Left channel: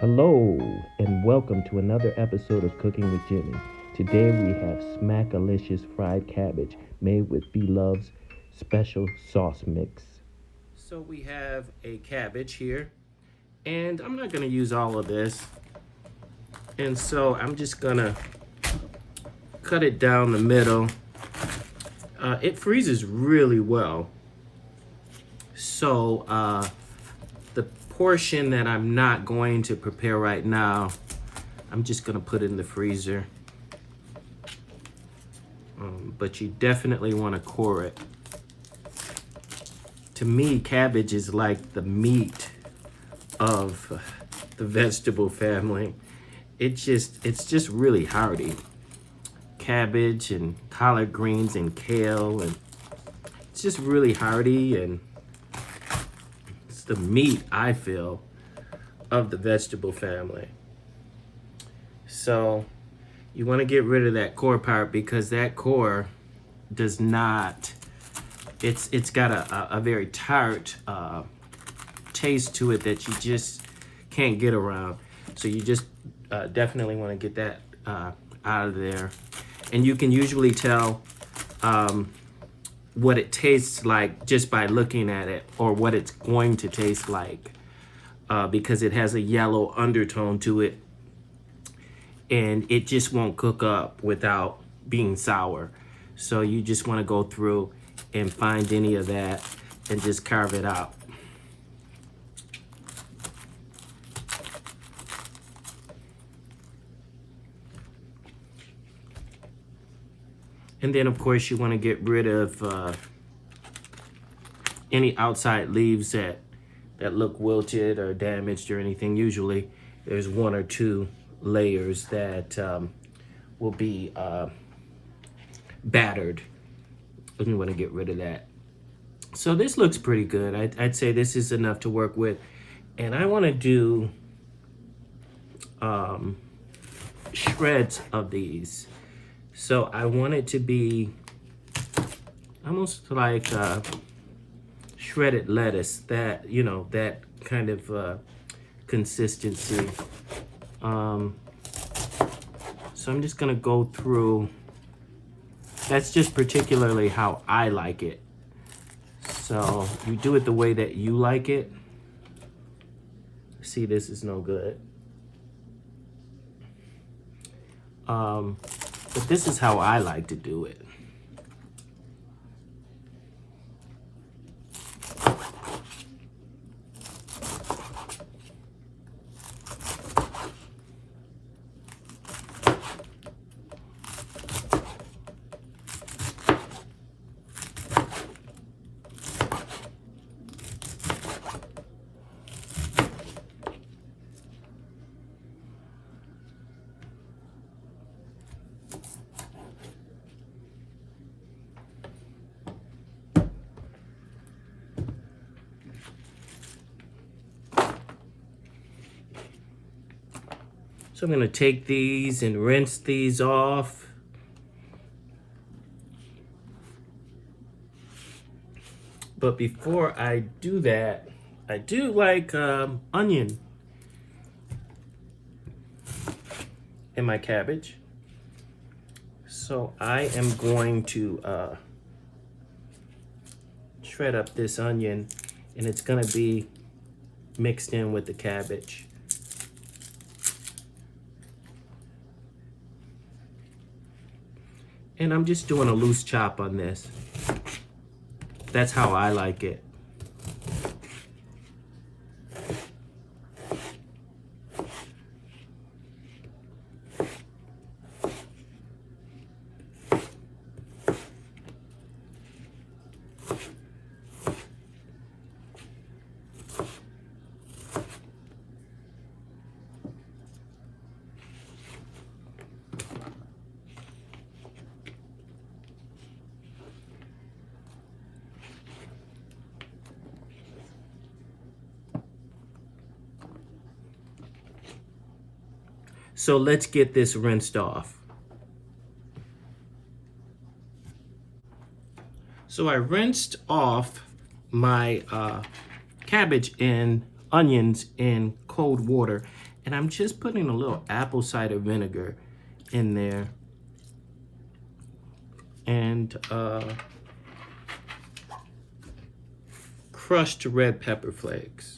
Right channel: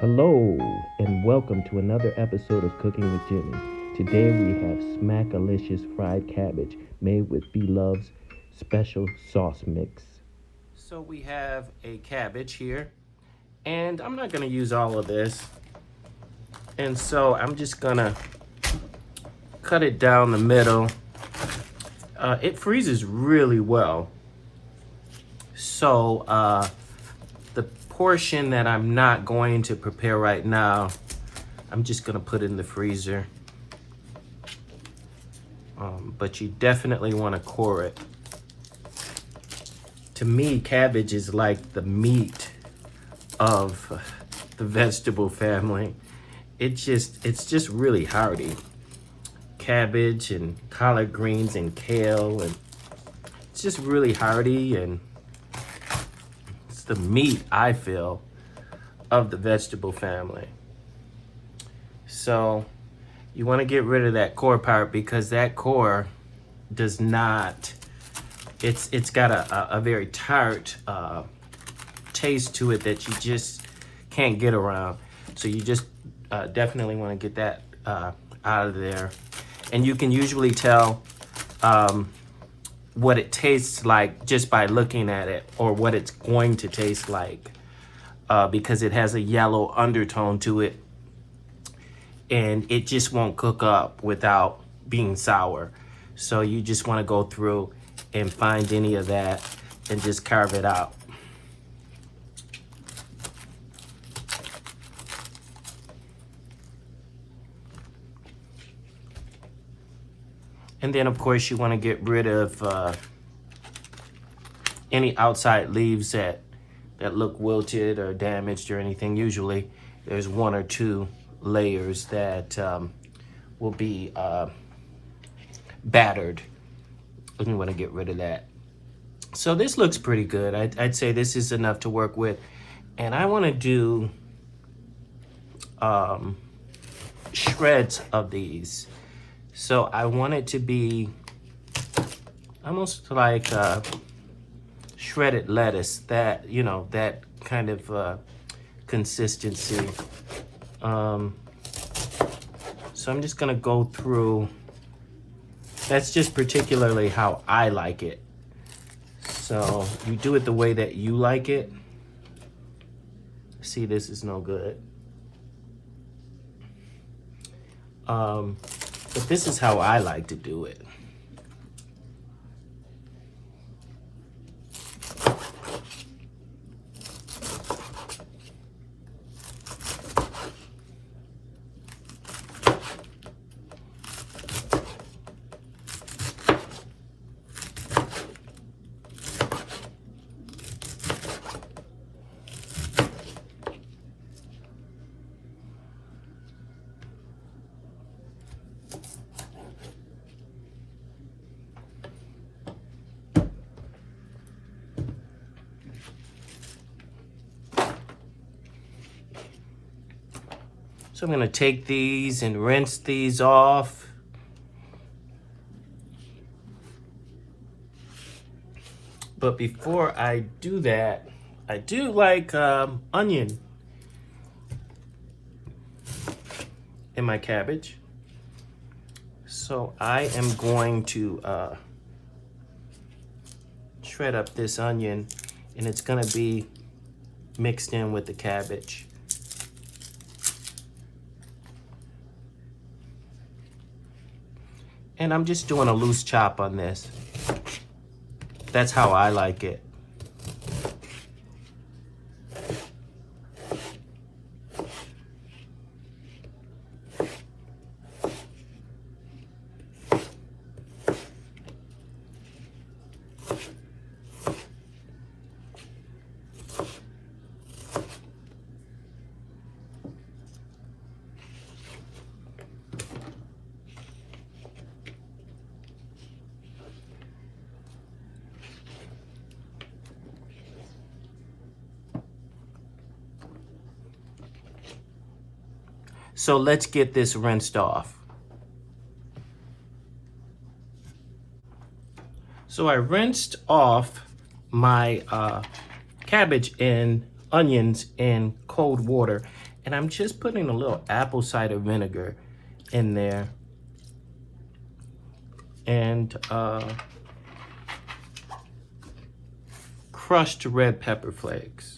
Hello, and welcome to another episode of Cooking with Jimmy. Today we have Smackalicious fried cabbage made with Bloves special sauce mix. So we have a cabbage here, and I'm not going to use all of this. And so I'm just going to cut it down the middle. It freezes really well. So the portion that I'm not going to prepare right now, I'm just gonna put in the freezer. But you definitely want to core it. To me, cabbage is like the meat of the vegetable family. It's just really hearty. Cabbage and collard greens and kale, and it's just really hearty, and it's the meat, I feel, of the vegetable family. So you want to get rid of that core part, because that core does not, it's got a very tart taste to it that you just can't get around. So you just definitely want to get that out of there. And you can usually tell what it tastes like just by looking at it, or what it's going to taste like, because it has a yellow undertone to it, and it just won't cook up without being sour. So you just want to go through and find any of that and just carve it out. And then of course you want to get rid of any outside leaves that look wilted or damaged or anything. Usually there's one or two layers that will be battered, and you want to get rid of that. So this looks pretty good. I'd say this is enough to work with. And I want to do shreds of these. So I want it to be almost like shredded lettuce, that, you know, that kind of consistency. So I'm just gonna go through. That's just particularly how I like it. So you do it the way that you like it. See, this is no good. But this is how I like to do it. So I'm gonna take these and rinse these off. But before I do that, I do like onion in my cabbage. So I am going to shred up this onion, and it's gonna be mixed in with the cabbage. And I'm just doing a loose chop on this. That's how I like it. So let's get this rinsed off. So I rinsed off my cabbage and onions in cold water, And I'm just putting a little apple cider vinegar in there. And crushed red pepper flakes.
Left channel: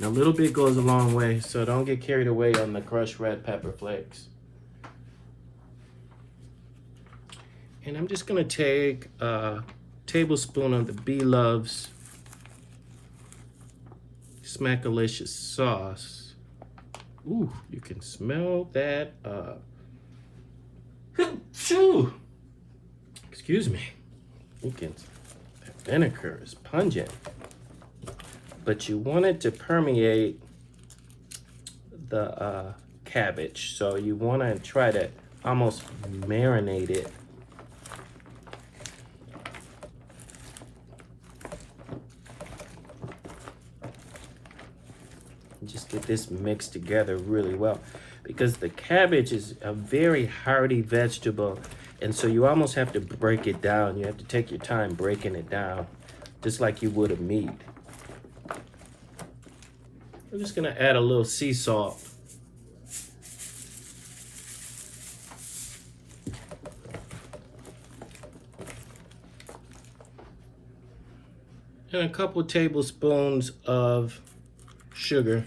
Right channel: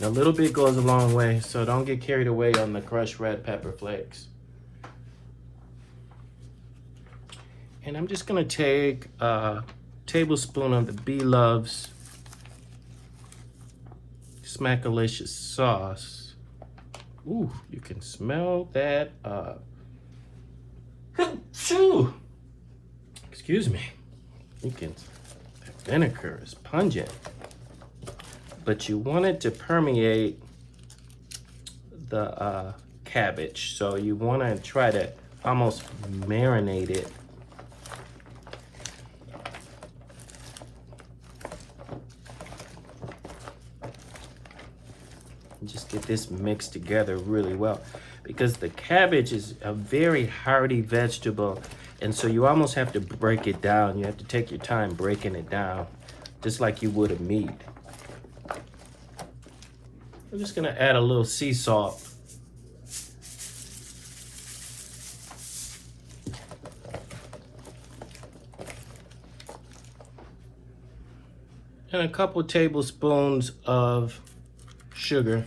A little bit goes a long way, so don't get carried away on the crushed red pepper flakes. And I'm just gonna take a tablespoon of the Bloves Smackalicious sauce. Ooh, you can smell that. Excuse me. You can, the vinegar is pungent. But you want it to permeate the cabbage. So you want to try to almost marinate it. Just get this mixed together really well. Because the cabbage is a very hearty vegetable. And so you almost have to break it down. You have to take your time breaking it down. Just like you would a meat. I'm just gonna add a little sea salt. And a couple tablespoons of sugar.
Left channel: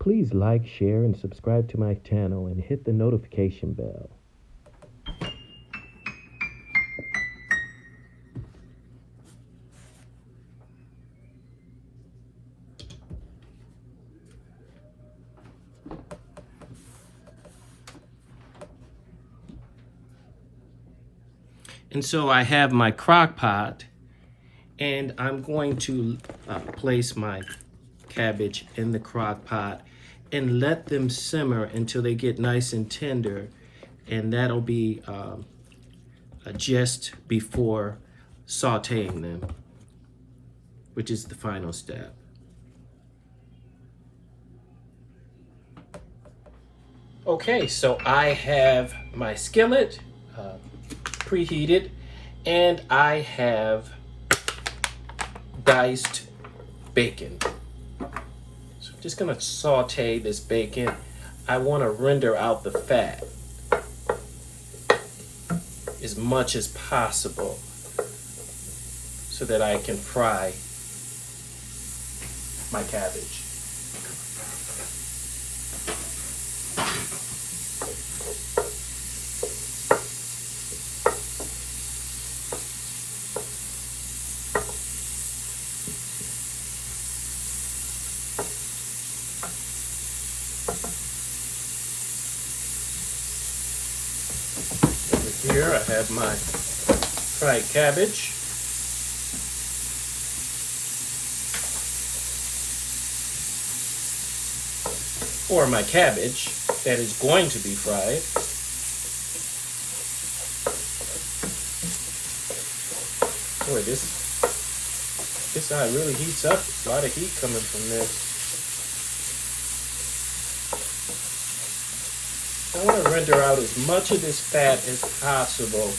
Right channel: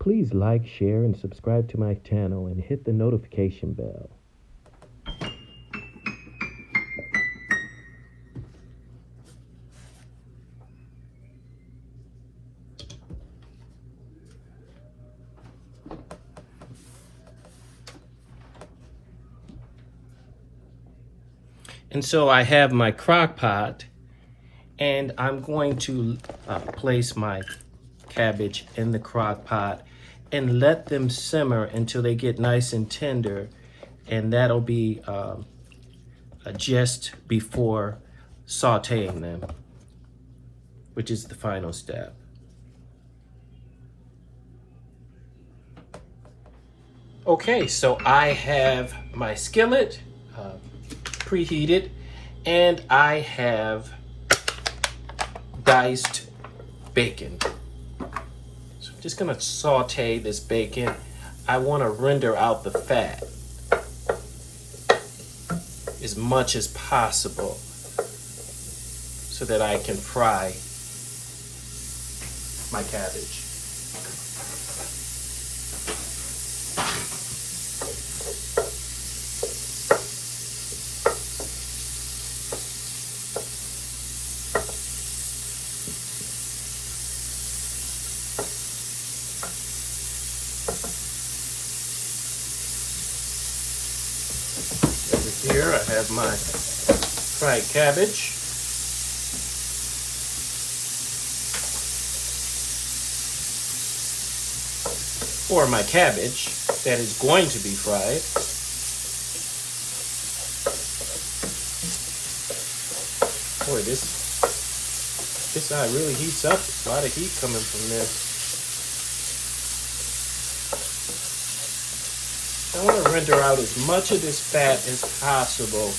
Please like, share, and subscribe to my channel and hit the notification bell. And so I have my crock pot, and I'm going to place my cabbage in the crock pot and let them simmer until they get nice and tender. And that'll be just before sauteing them, which is the final step. Okay, so I have my skillet preheated, and I have diced bacon. So I'm just gonna saute this bacon. I want to render out the fat as much as possible so that I can fry my cabbage. Here I have my fried cabbage. Or my cabbage that is going to be fried. Boy, this really heats up. There's a lot of heat coming from this. I want to render out as much of this fat as possible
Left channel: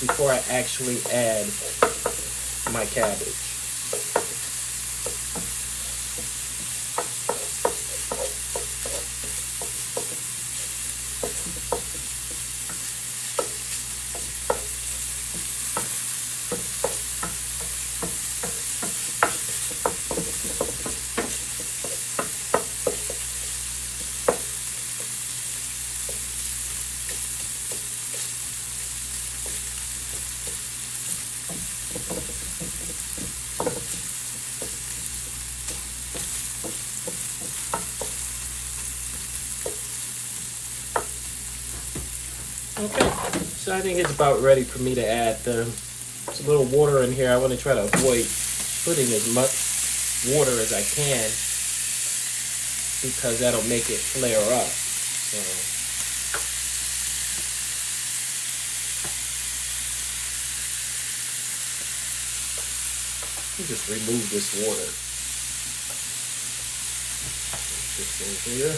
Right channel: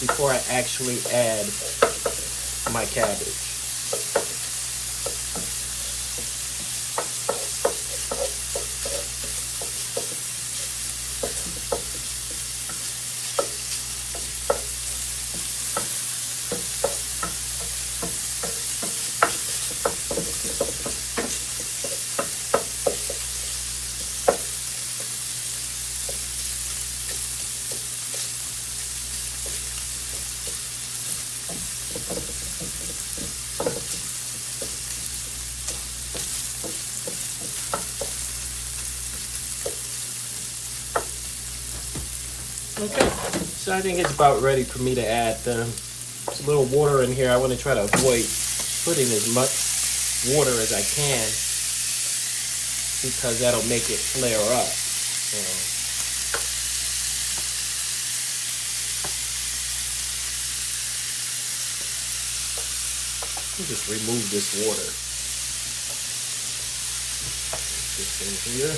before I actually add my cabbage. Okay, so I think it's about ready for me to add them. There's a little water in here. I want to try to avoid putting as much water as I can because that'll make it flare up. Just remove this water. This in here.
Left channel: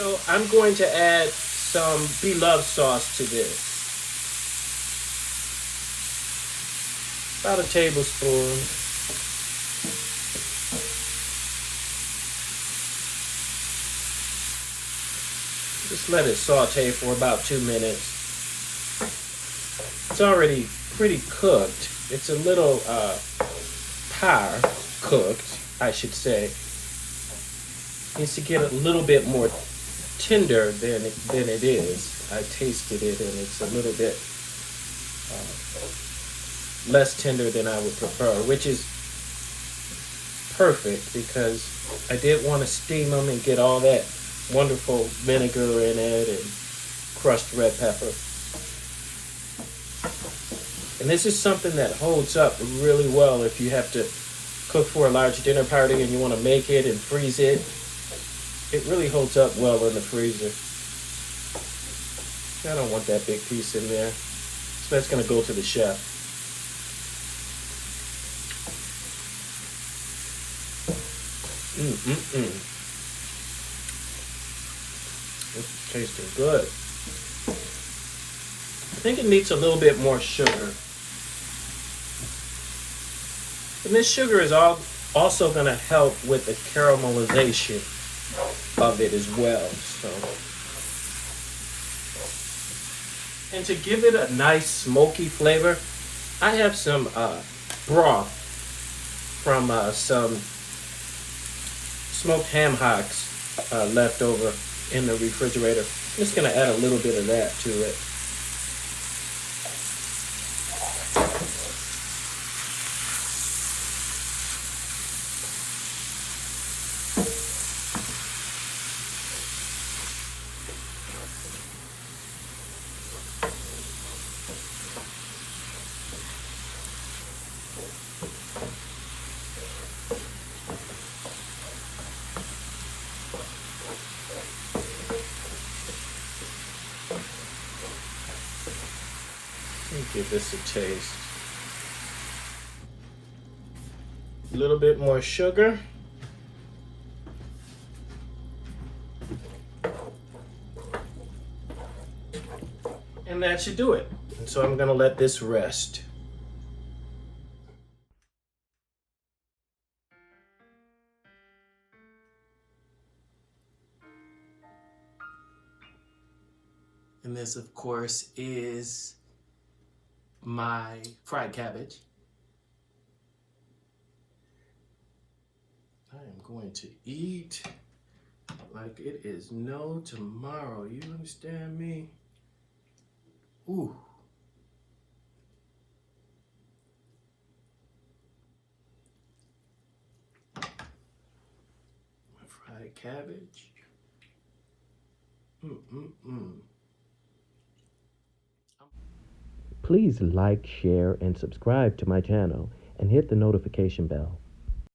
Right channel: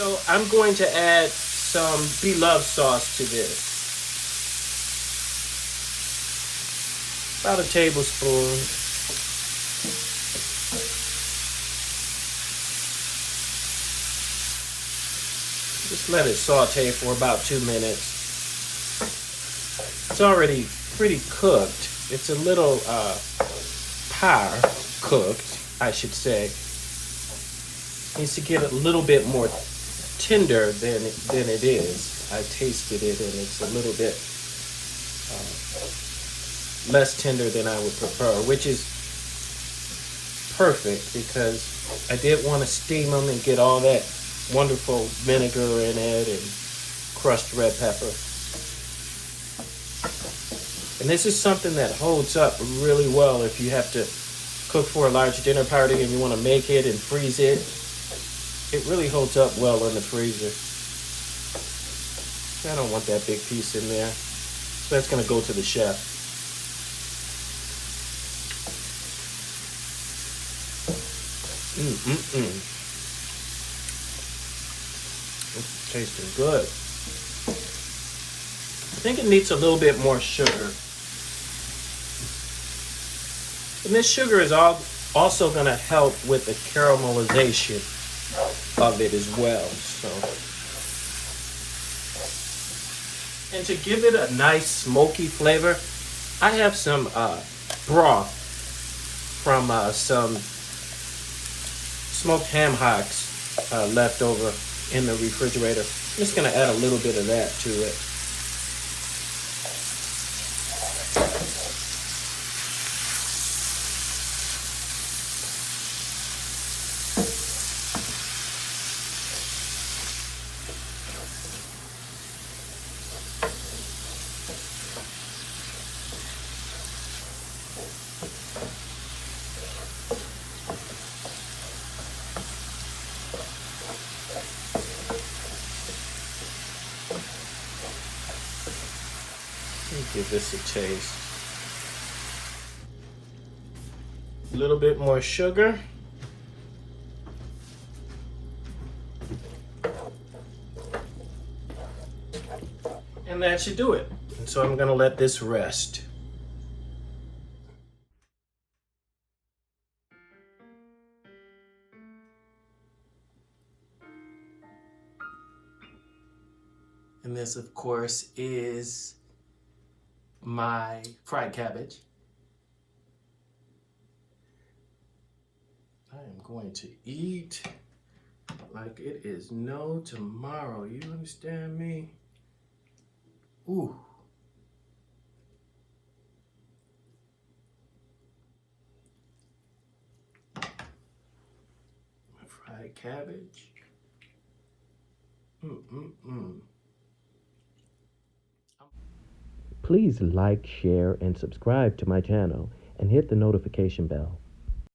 So I'm going to add some Bloves sauce to this. About a tablespoon. Just let it saute for about 2 minutes. It's already pretty cooked. It's a little par cooked, I should say. Needs to get a little bit more tender than it is. I tasted it and it's a little bit less tender than I would prefer, which is perfect because I didn't want to steam them and get all that wonderful vinegar in it and crushed red pepper. And this is something that holds up really well if you have to cook for a large dinner party and you want to make it and freeze it. It really holds up well in the freezer. I don't want that big piece in there. So that's going to go to the chef. It's tasting good. I think it needs a little bit more sugar. And this sugar is also going to help with the caramelization of it as well. And to give it a nice smoky flavor, I have some broth from some smoked ham hocks left over in the refrigerator. I'm just going to add a little bit of that to it. Give this a taste. A little bit more sugar. And that should do it. And so I'm gonna let this rest. And this, of course, is my fried cabbage. I am going to eat like it is no tomorrow. You understand me? Ooh. My fried cabbage. Please like, share, and subscribe to my channel and hit the notification bell.